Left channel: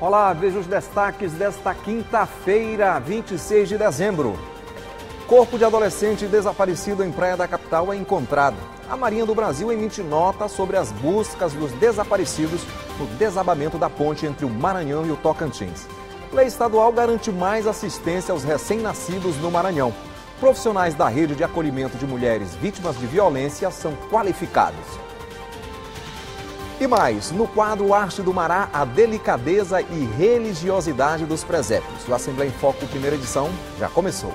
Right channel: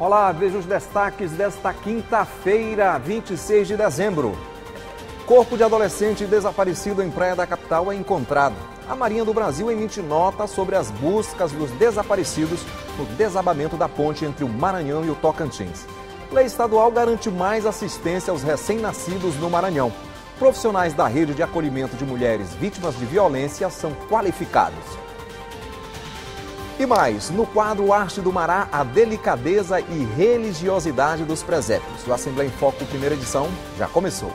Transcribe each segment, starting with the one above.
Olá, veja os destaques desta quinta-feira, 26 de dezembro. Corpo de adolescente desaparecido em praia da capital é encontrado. A Marinha do Brasil emite nota sobre as buscas dos desaparecidos no desabamento da ponte entre o Maranhão e o Tocantins. Lei estadual garante mais assistência aos recém-nascidos no Maranhão. Profissionais da rede de acolhimento de mulheres vítimas de violência são qualificados. E mais, no quadro Arte do Mará, a delicadeza e religiosidade dos presépios. O Assembleia em Foco, primeira edição, já começou.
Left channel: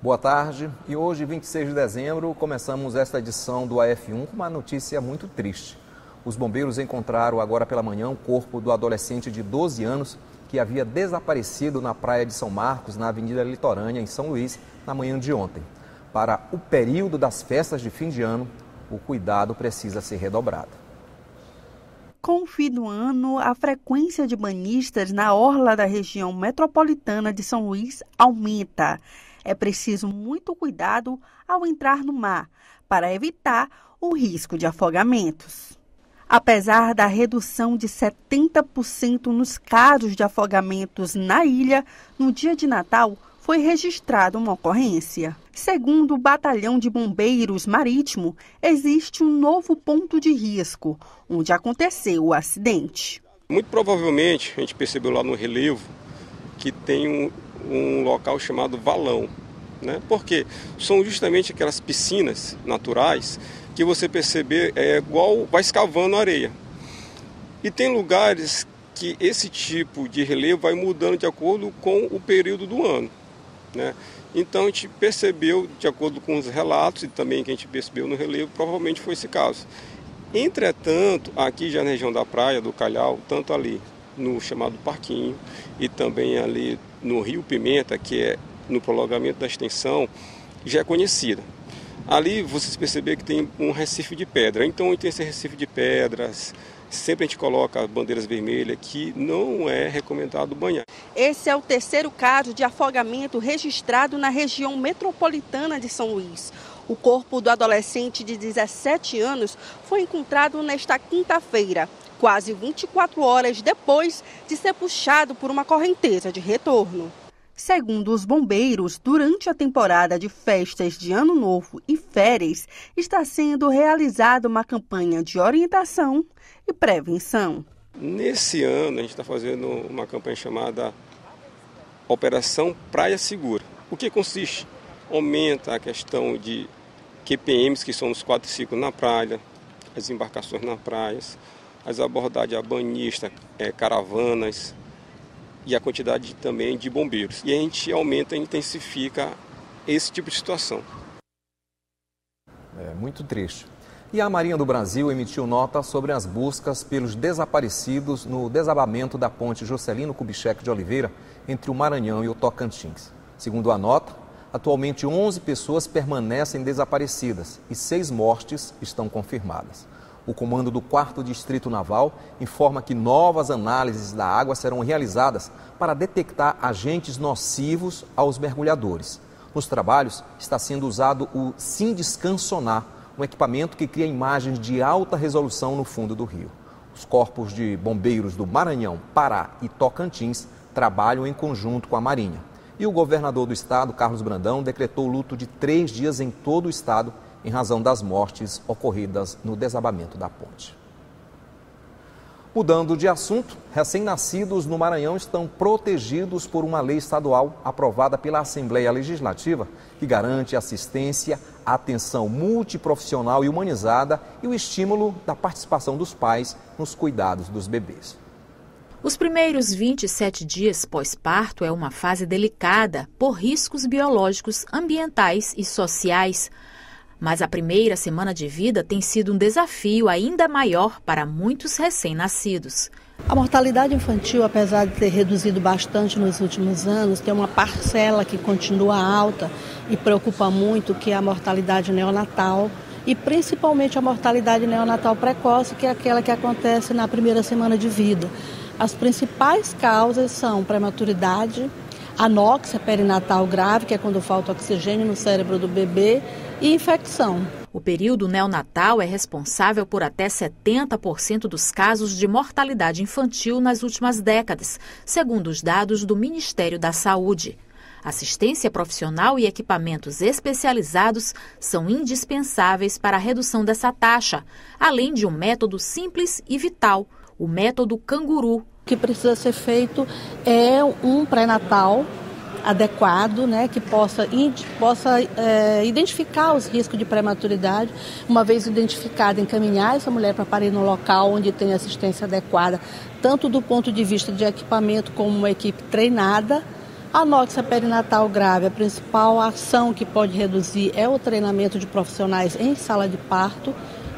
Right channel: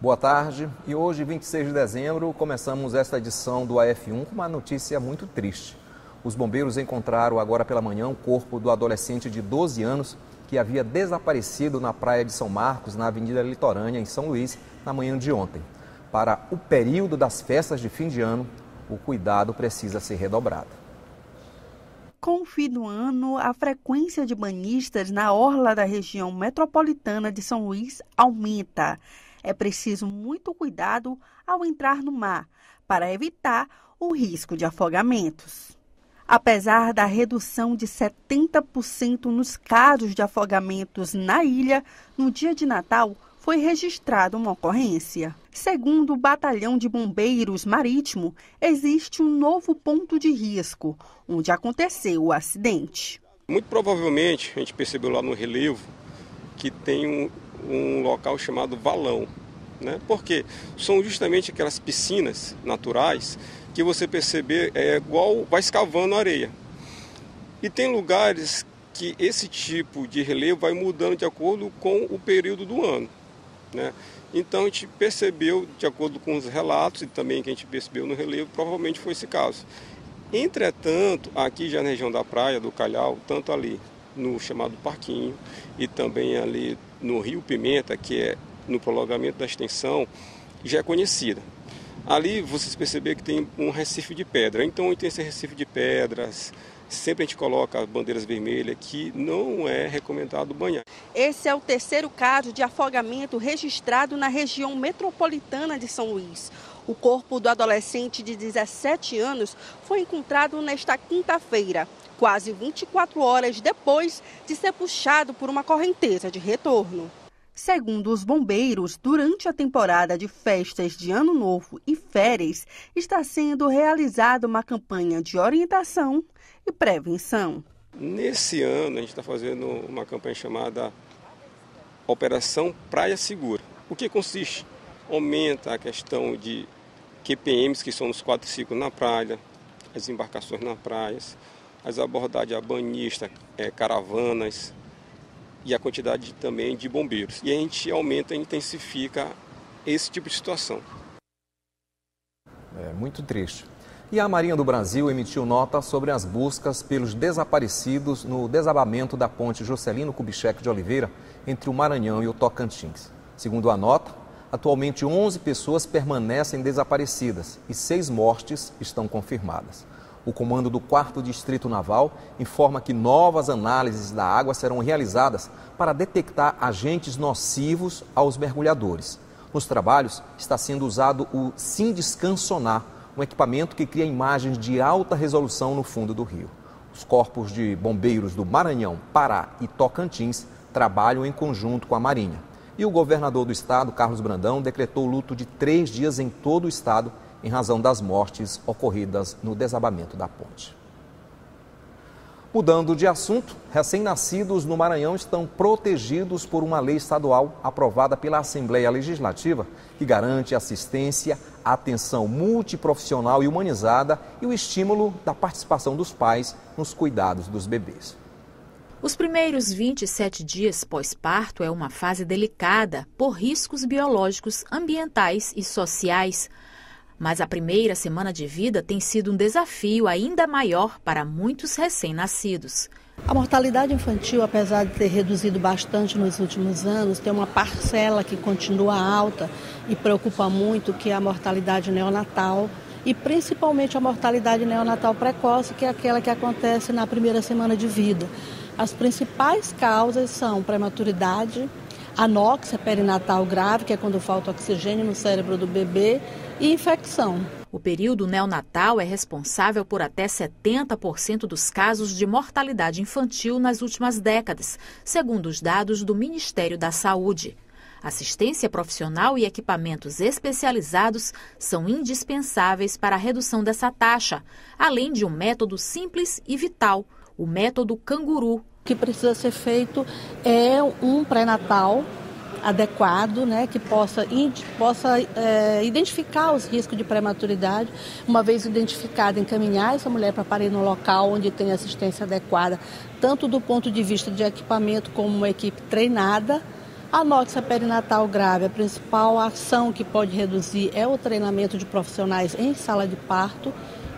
Boa tarde, e hoje, 26 de dezembro, começamos esta edição do AF1 com uma notícia muito triste. Os bombeiros encontraram agora pela manhã o corpo do adolescente de 12 anos que havia desaparecido na praia de São Marcos, na Avenida Litorânea, em São Luís, na manhã de ontem. Para o período das festas de fim de ano, o cuidado precisa ser redobrado. Com o fim do ano, a frequência de banhistas na orla da região metropolitana de São Luís aumenta. É preciso muito cuidado ao entrar no mar, para evitar o risco de afogamentos. Apesar da redução de 70% nos casos de afogamentos na ilha, no dia de Natal foi registrada uma ocorrência. Segundo o Batalhão de Bombeiros Marítimo, existe um novo ponto de risco, onde aconteceu o acidente. Muito provavelmente, a gente percebeu lá no relevo que tem um local chamado valão, né? Porque são justamente aquelas piscinas naturais que você perceber é igual vai escavando areia. E tem lugares que esse tipo de relevo vai mudando de acordo com o período do ano, né? Então a gente percebeu, de acordo com os relatos e também que a gente percebeu no relevo, provavelmente foi esse caso. Entretanto, aqui já na região da praia do Calhau, tanto ali no chamado Parquinho e também ali no Rio Pimenta, que é no prolongamento da extensão, já é conhecida. Ali vocês perceberam que tem um recife de pedra, então tem esse recife de pedras, sempre a gente coloca bandeiras vermelhas que não é recomendado banhar. Esse é o terceiro caso de afogamento registrado na região metropolitana de São Luís. O corpo do adolescente de 17 anos foi encontrado nesta quinta-feira, quase 24 horas depois de ser puxado por uma correnteza de retorno. Segundo os bombeiros, durante a temporada de festas de Ano Novo e férias, está sendo realizada uma campanha de orientação e prevenção. Nesse ano, a gente está fazendo uma campanha chamada Operação Praia Segura. O que consiste? Aumenta a questão de QPMs, que são os 4 ciclos na praia, as embarcações na praia, as abordagens a banhista, caravanas e a quantidade também de bombeiros. E a gente aumenta e intensifica esse tipo de situação. É muito triste. E a Marinha do Brasil emitiu nota sobre as buscas pelos desaparecidos no desabamento da ponte Juscelino Kubitschek de Oliveira entre o Maranhão e o Tocantins. Segundo a nota, atualmente 11 pessoas permanecem desaparecidas e 6 mortes estão confirmadas. O comando do 4º Distrito Naval informa que novas análises da água serão realizadas para detectar agentes nocivos aos mergulhadores. Nos trabalhos está sendo usado o Sindiscan Sonar, um equipamento que cria imagens de alta resolução no fundo do rio. Os corpos de bombeiros do Maranhão, Pará e Tocantins trabalham em conjunto com a Marinha. E o governador do estado, Carlos Brandão, decretou luto de 3 dias em todo o estado em razão das mortes ocorridas no desabamento da ponte. Mudando de assunto, recém-nascidos no Maranhão estão protegidos por uma lei estadual aprovada pela Assembleia Legislativa que garante assistência, atenção multiprofissional e humanizada e o estímulo da participação dos pais nos cuidados dos bebês. Os primeiros 27 dias pós-parto é uma fase delicada por riscos biológicos, ambientais e sociais. Mas a primeira semana de vida tem sido um desafio ainda maior para muitos recém-nascidos. A mortalidade infantil, apesar de ter reduzido bastante nos últimos anos, tem uma parcela que continua alta e preocupa muito, que é a mortalidade neonatal e principalmente a mortalidade neonatal precoce, que é aquela que acontece na primeira semana de vida. As principais causas são prematuridade, anóxia perinatal grave, que é quando falta oxigênio no cérebro do bebê, e infecção. O período neonatal é responsável por até 70% dos casos de mortalidade infantil nas últimas décadas, segundo os dados do Ministério da Saúde. Assistência profissional e equipamentos especializados são indispensáveis para a redução dessa taxa, além de um método simples e vital, o método Canguru. O que precisa ser feito é um pré-natal adequado, né, que possa identificar os riscos de prematuridade. Uma vez identificada, encaminhar essa mulher para parir no local onde tem assistência adequada, tanto do ponto de vista de equipamento como uma equipe treinada. A anóxia perinatal grave, a principal ação que pode reduzir é o treinamento de profissionais em sala de parto.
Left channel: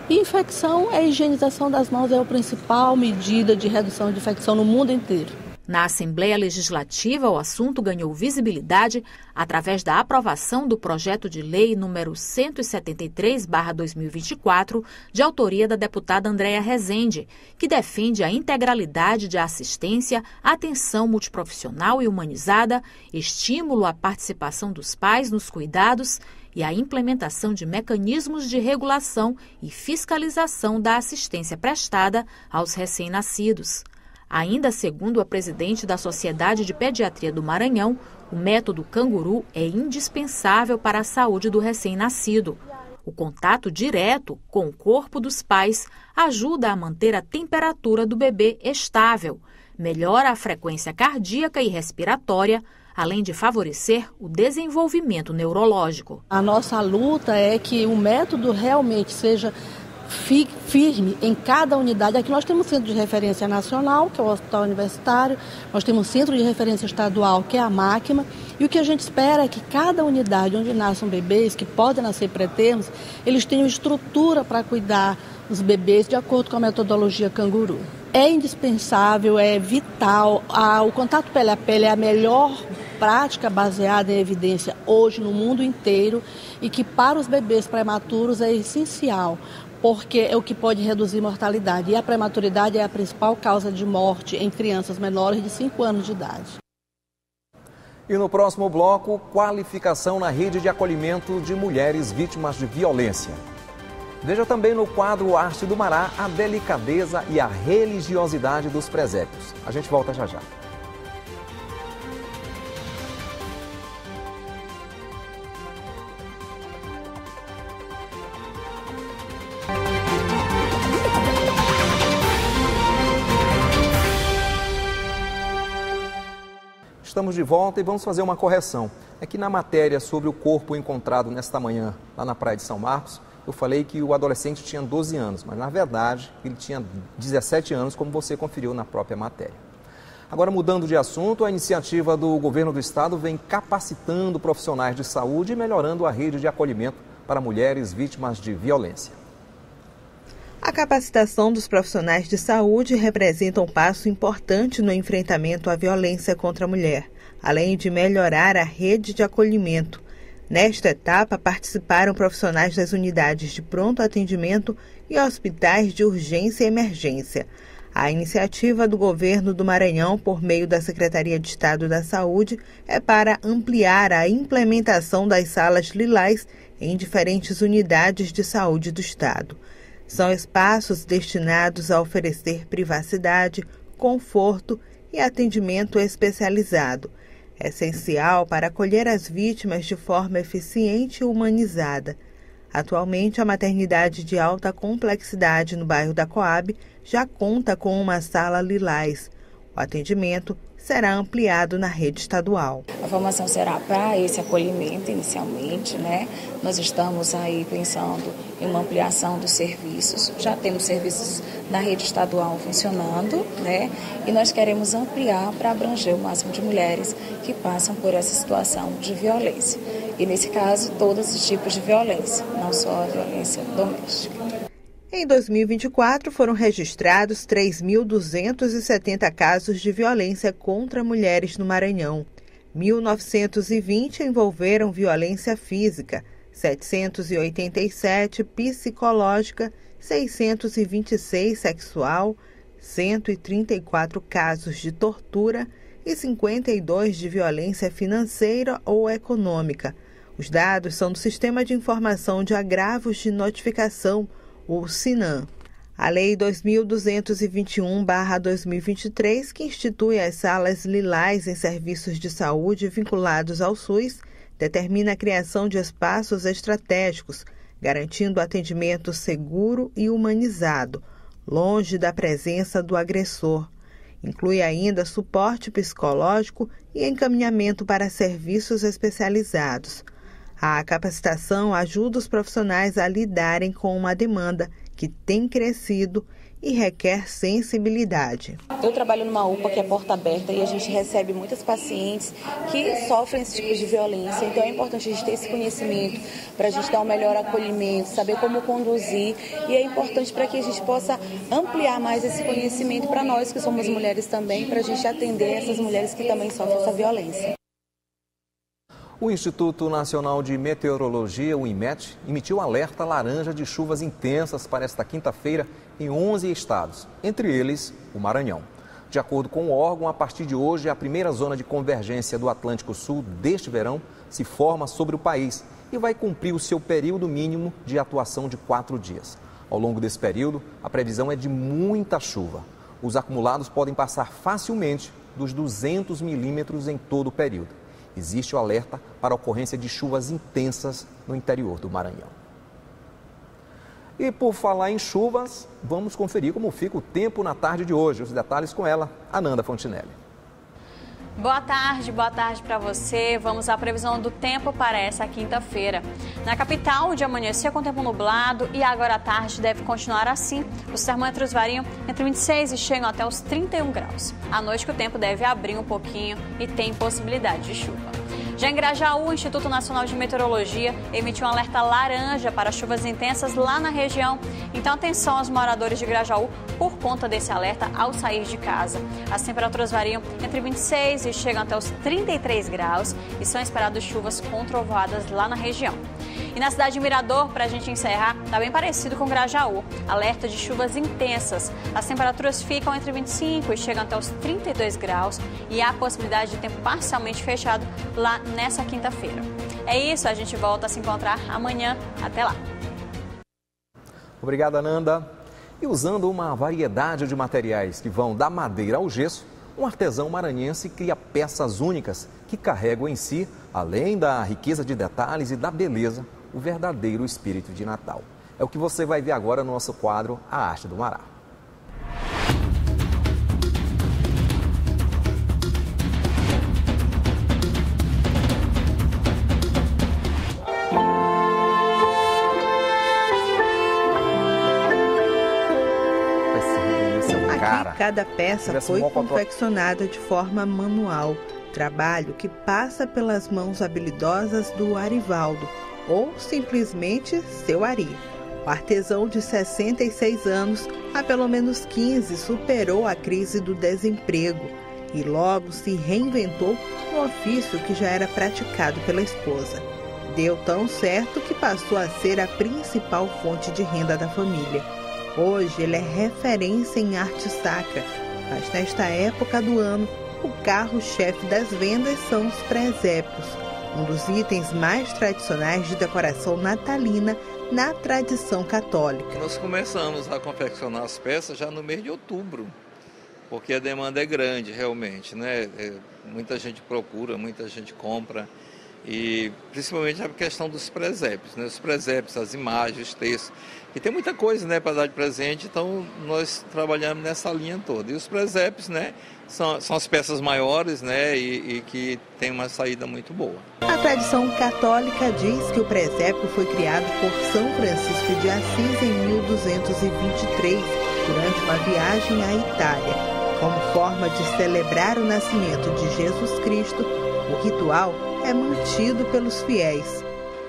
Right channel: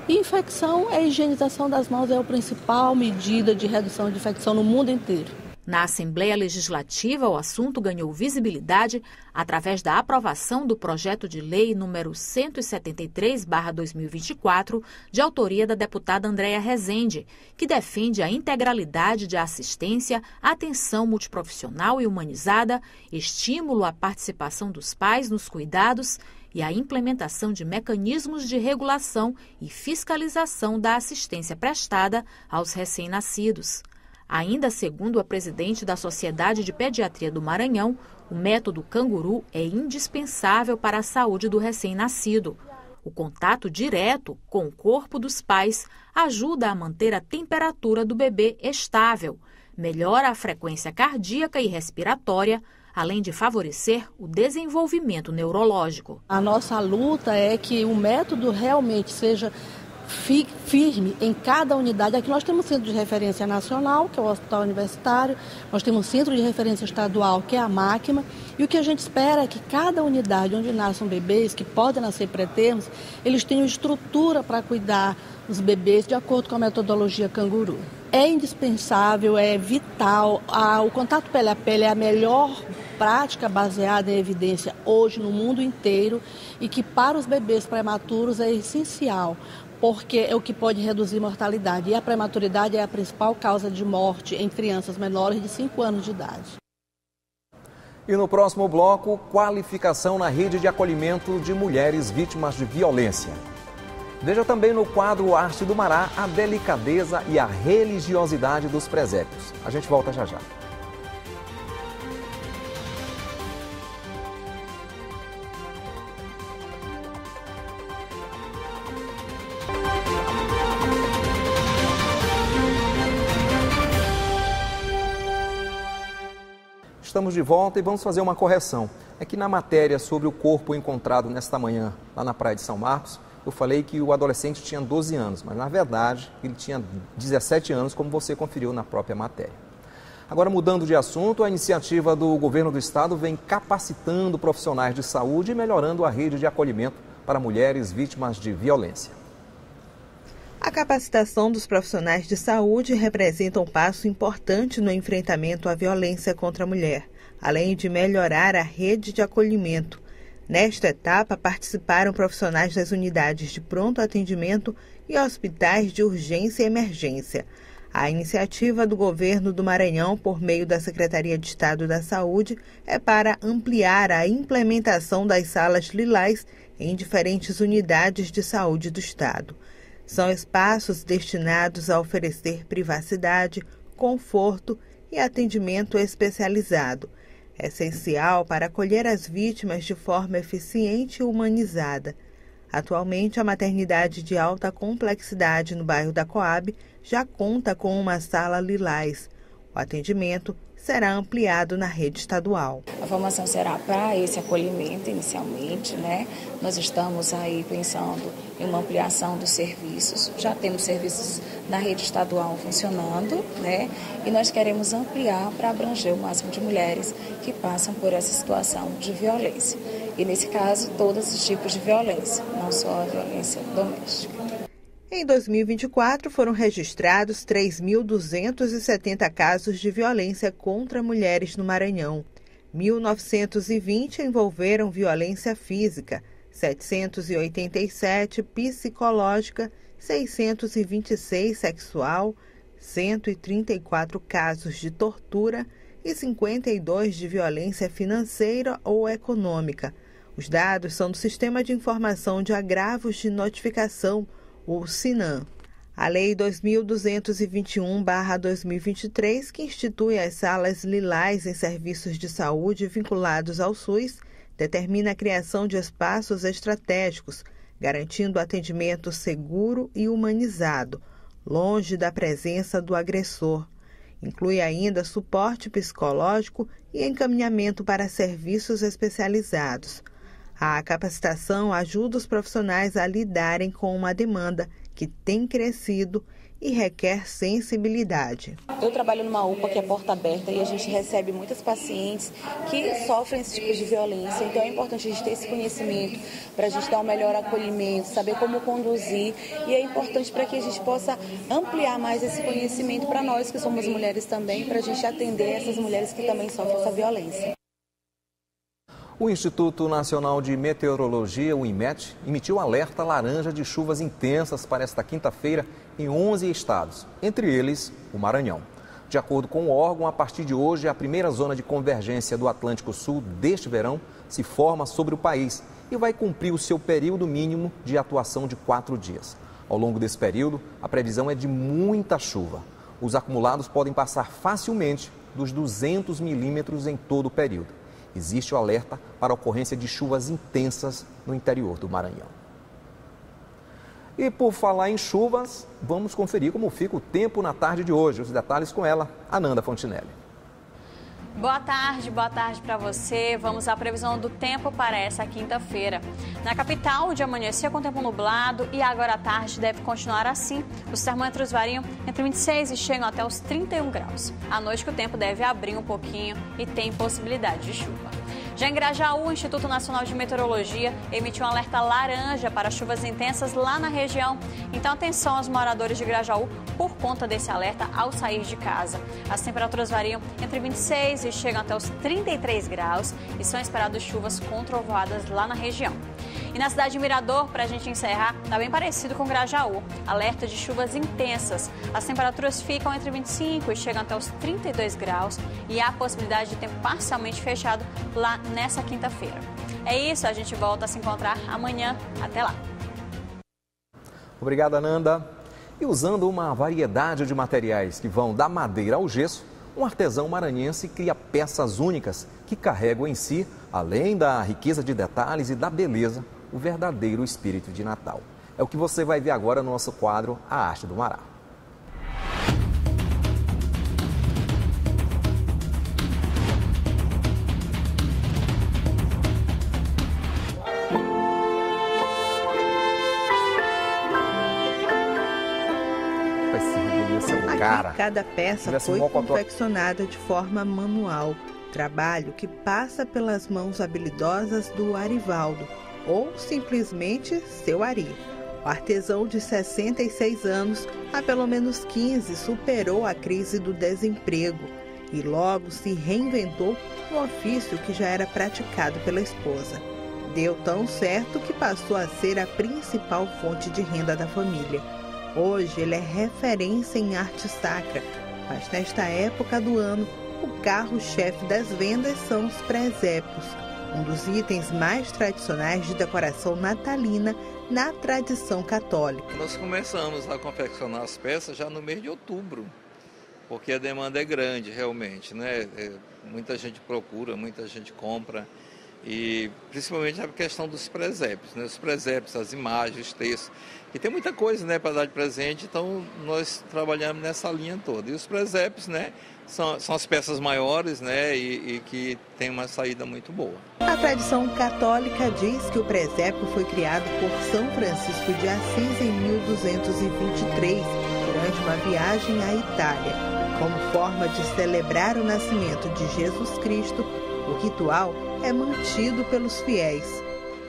E infecção, a higienização das mãos é a principal medida de redução de infecção no mundo inteiro. Na Assembleia Legislativa, o assunto ganhou visibilidade através da aprovação do projeto de lei número 173/2024, de autoria da deputada Andréa Rezende, que defende a integralidade de assistência, atenção multiprofissional e humanizada, estímulo à participação dos pais nos cuidados e a implementação de mecanismos de regulação e fiscalização da assistência prestada aos recém-nascidos. Ainda segundo a presidente da Sociedade de Pediatria do Maranhão, o método Canguru é indispensável para a saúde do recém-nascido. O contato direto com o corpo dos pais ajuda a manter a temperatura do bebê estável, melhora a frequência cardíaca e respiratória, além de favorecer o desenvolvimento neurológico. A nossa luta é que o método realmente seja firme em cada unidade. Aqui nós temos um centro de referência nacional, que é o Hospital Universitário, nós temos um centro de referência estadual, que é a Máquina, e o que a gente espera é que cada unidade onde nasçam bebês, que podem nascer pré-termos, eles tenham estrutura para cuidar dos bebês de acordo com a metodologia Canguru. É indispensável, é vital, o contato pele a pele é a melhor prática baseada em evidência hoje no mundo inteiro e que para os bebês prematuros é essencial, porque é o que pode reduzir mortalidade. E a prematuridade é a principal causa de morte em crianças menores de 5 anos de idade. E no próximo bloco, qualificação na rede de acolhimento de mulheres vítimas de violência. Veja também no quadro Arte do Mará a delicadeza e a religiosidade dos presépios. A gente volta já já. Estamos de volta e vamos fazer uma correção. É que na matéria sobre o corpo encontrado nesta manhã lá na Praia de São Marcos, eu falei que o adolescente tinha 12 anos, mas na verdade ele tinha 17 anos, como você conferiu na própria matéria. Agora, mudando de assunto, a iniciativa do governo do estado vem capacitando profissionais de saúde e melhorando a rede de acolhimento para mulheres vítimas de violência. A capacitação dos profissionais de saúde representa um passo importante no enfrentamento à violência contra a mulher, além de melhorar a rede de acolhimento. Nesta etapa, participaram profissionais das unidades de pronto atendimento e hospitais de urgência e emergência. A iniciativa do governo do Maranhão, por meio da Secretaria de Estado da Saúde, é para ampliar a implementação das salas lilás em diferentes unidades de saúde do estado. São espaços destinados a oferecer privacidade, conforto e atendimento especializado, essencial para acolher as vítimas de forma eficiente e humanizada. Atualmente, a maternidade de alta complexidade no bairro da Coab já conta com uma sala lilás. O atendimento será ampliado na rede estadual. A formação será para esse acolhimento inicialmente, né? Nós estamos aí pensando em uma ampliação dos serviços. Já temos serviços na rede estadual funcionando, né? E nós queremos ampliar para abranger o máximo de mulheres que passam por essa situação de violência. E nesse caso, todos os tipos de violência, não só a violência doméstica. Em 2024, foram registrados 3.270 casos de violência contra mulheres no Maranhão. 1.920 envolveram violência física, 787 psicológica, 626 sexual, 134 casos de tortura e 52 de violência financeira ou econômica. Os dados são do Sistema de Informação de Agravos de Notificação, o SINAM. A Lei 2.221/2023, que institui as salas lilás em serviços de saúde vinculados ao SUS, determina a criação de espaços estratégicos, garantindo atendimento seguro e humanizado, longe da presença do agressor. Inclui ainda suporte psicológico e encaminhamento para serviços especializados. A capacitação ajuda os profissionais a lidarem com uma demanda que tem crescido e requer sensibilidade. Eu trabalho numa UPA que é porta aberta e a gente recebe muitas pacientes que sofrem esse tipo de violência. Então é importante a gente ter esse conhecimento para a gente dar um melhor acolhimento, saber como conduzir. E é importante para que a gente possa ampliar mais esse conhecimento para nós que somos mulheres também, para a gente atender essas mulheres que também sofrem essa violência. O Instituto Nacional de Meteorologia, o INMET, emitiu alerta laranja de chuvas intensas para esta quinta-feira em 11 estados, entre eles o Maranhão. De acordo com o órgão, a partir de hoje, a primeira zona de convergência do Atlântico Sul deste verão se forma sobre o país e vai cumprir o seu período mínimo de atuação de 4 dias. Ao longo desse período, a previsão é de muita chuva. Os acumulados podem passar facilmente dos 200 milímetros em todo o período. Existe o alerta para a ocorrência de chuvas intensas no interior do Maranhão. E por falar em chuvas, vamos conferir como fica o tempo na tarde de hoje. Os detalhes com ela, Ananda Fontinelli. Boa tarde para você. Vamos à previsão do tempo para essa quinta-feira. Na capital, o dia amanheceu com tempo nublado e agora à tarde deve continuar assim. Os termômetros variam entre 26 e chegam até os 31 graus. À noite que o tempo deve abrir um pouquinho e tem possibilidade de chuva. Já em Grajaú, o Instituto Nacional de Meteorologia emitiu um alerta laranja para chuvas intensas lá na região. Então atenção aos moradores de Grajaú por conta desse alerta ao sair de casa. As temperaturas variam entre 26 e chegam até os 33 graus e são esperadas chuvas com trovoadas lá na região. E na cidade de Mirador, para a gente encerrar, está bem parecido com Grajaú. Alerta de chuvas intensas. As temperaturas ficam entre 25 e chegam até os 32 graus e há a possibilidade de tempo parcialmente fechado lá nessa quinta-feira. É isso, a gente volta a se encontrar amanhã. Até lá. Obrigado, Ananda. E usando uma variedade de materiais que vão da madeira ao gesso, um artesão maranhense cria peças únicas que carregam em si, além da riqueza de detalhes e da beleza, o verdadeiro espírito de Natal. É o que você vai ver agora no nosso quadro A Arte do Mará. Aqui, cada peça foi confeccionada de forma manual, trabalho que passa pelas mãos habilidosas do Arivaldo, ou simplesmente seu Ari. O artesão de 66 anos, há pelo menos 15, superou a crise do desemprego e logo se reinventou um ofício que já era praticado pela esposa. Deu tão certo que passou a ser a principal fonte de renda da família. Hoje ele é referência em arte sacra, mas nesta época do ano, o carro-chefe das vendas são os presépios, um dos itens mais tradicionais de decoração natalina na tradição católica. Nós começamos a confeccionar as peças já no mês de outubro, porque a demanda é grande realmente, né? Muita gente procura, muita gente compra, e principalmente a questão dos presépios, né? Os presépios, as imagens, os textos, e tem muita coisa, né, para dar de presente, então nós trabalhamos nessa linha toda. E os presépios, né, são as peças maiores, né, e que tem uma saída muito boa. A tradição católica diz que o presépio foi criado por São Francisco de Assis em 1223, durante uma viagem à Itália. Como forma de celebrar o nascimento de Jesus Cristo, o ritual é mantido pelos fiéis.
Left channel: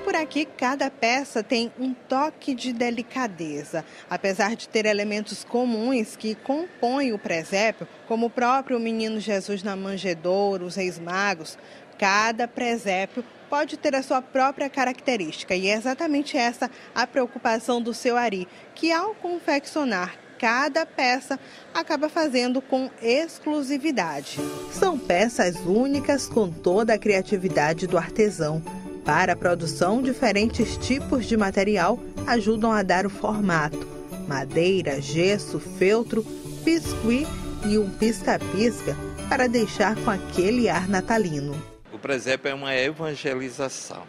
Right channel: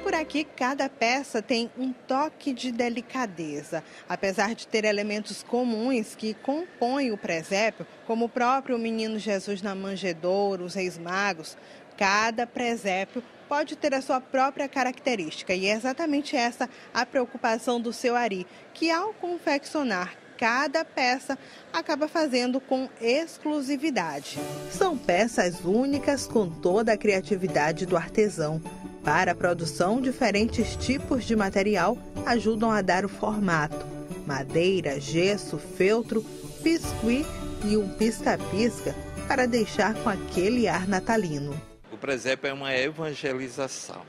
Por aqui, cada peça tem um toque de delicadeza. Apesar de ter elementos comuns que compõem o presépio, como o próprio Menino Jesus na manjedoura, os Reis Magos, cada presépio pode ter a sua própria característica e é exatamente essa a preocupação do seu Ari, que ao confeccionar cada peça acaba fazendo com exclusividade. São peças únicas com toda a criatividade do artesão. Para a produção, diferentes tipos de material ajudam a dar o formato: madeira, gesso, feltro, biscuit e um pisca-pisca para deixar com aquele ar natalino. O presépio é uma evangelização,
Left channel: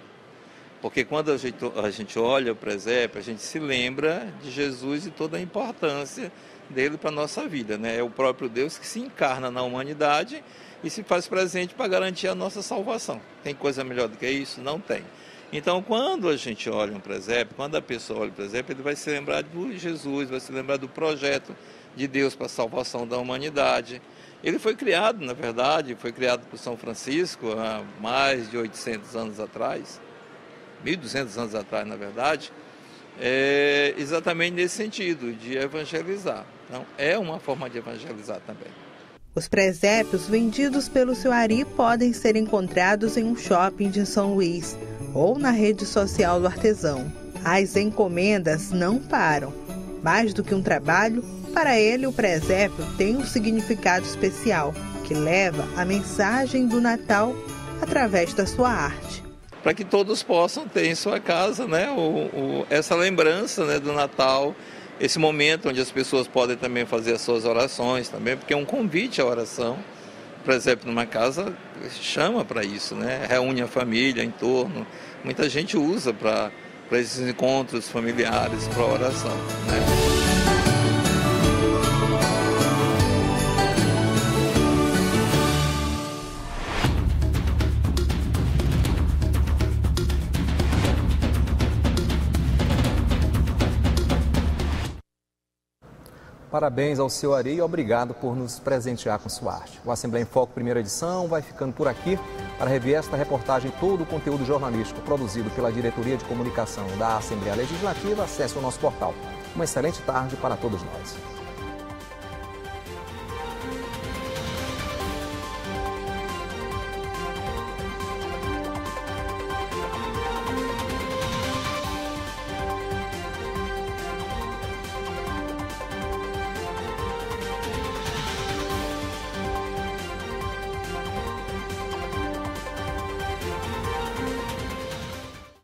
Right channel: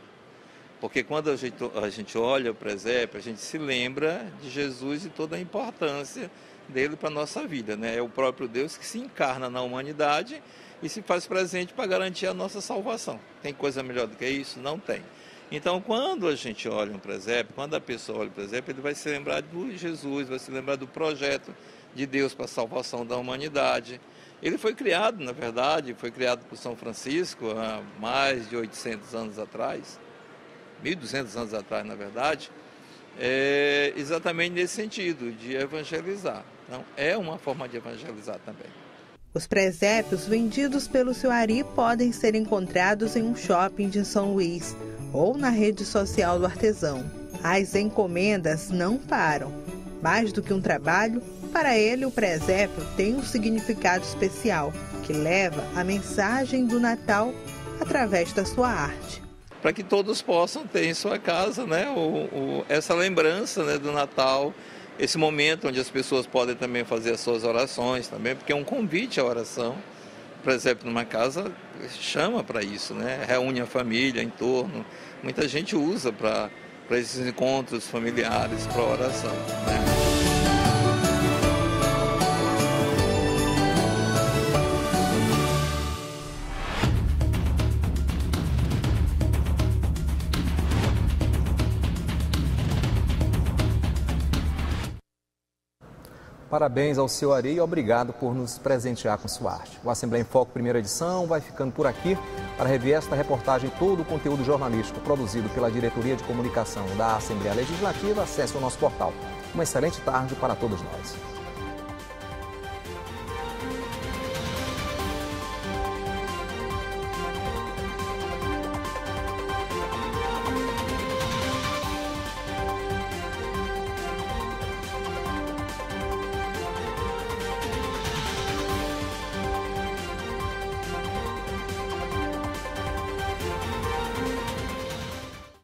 porque quando a gente olha o presépio, a gente se lembra de Jesus e toda a importância dele para a nossa vida, né? É o próprio Deus que se encarna na humanidade e se faz presente para garantir a nossa salvação. Tem coisa melhor do que isso? Não tem. Então, quando a gente olha um presépio, quando a pessoa olha o presépio, ele vai se lembrar de Jesus, vai se lembrar do projeto de Deus para a salvação da humanidade. Ele foi criado, na verdade, foi criado por São Francisco há mais de 800 anos atrás, 1.200 anos atrás, na verdade, exatamente nesse sentido, de evangelizar. Então, é uma forma de evangelizar também. Os presépios vendidos pelo seu Ari podem ser encontrados em um shopping de São Luís ou na rede social do artesão. As encomendas não param. Mais do que um trabalho, para ele o presépio tem um significado especial, que leva a mensagem do Natal através da sua arte. Para que todos possam ter em sua casa, né, essa lembrança, né, do Natal, esse momento onde as pessoas podem também fazer as suas orações também, porque é um convite à oração. Por exemplo, numa casa chama para isso, né? Reúne a família em torno. Muita gente usa para esses encontros familiares, para oração, né? Parabéns ao seu Ari e obrigado por nos presentear com sua arte. O Assembleia em Foco, primeira edição, vai ficando por aqui. Para rever esta reportagem e todo o conteúdo jornalístico produzido pela Diretoria de Comunicação da Assembleia Legislativa, acesse o nosso portal. Uma excelente tarde para todos nós.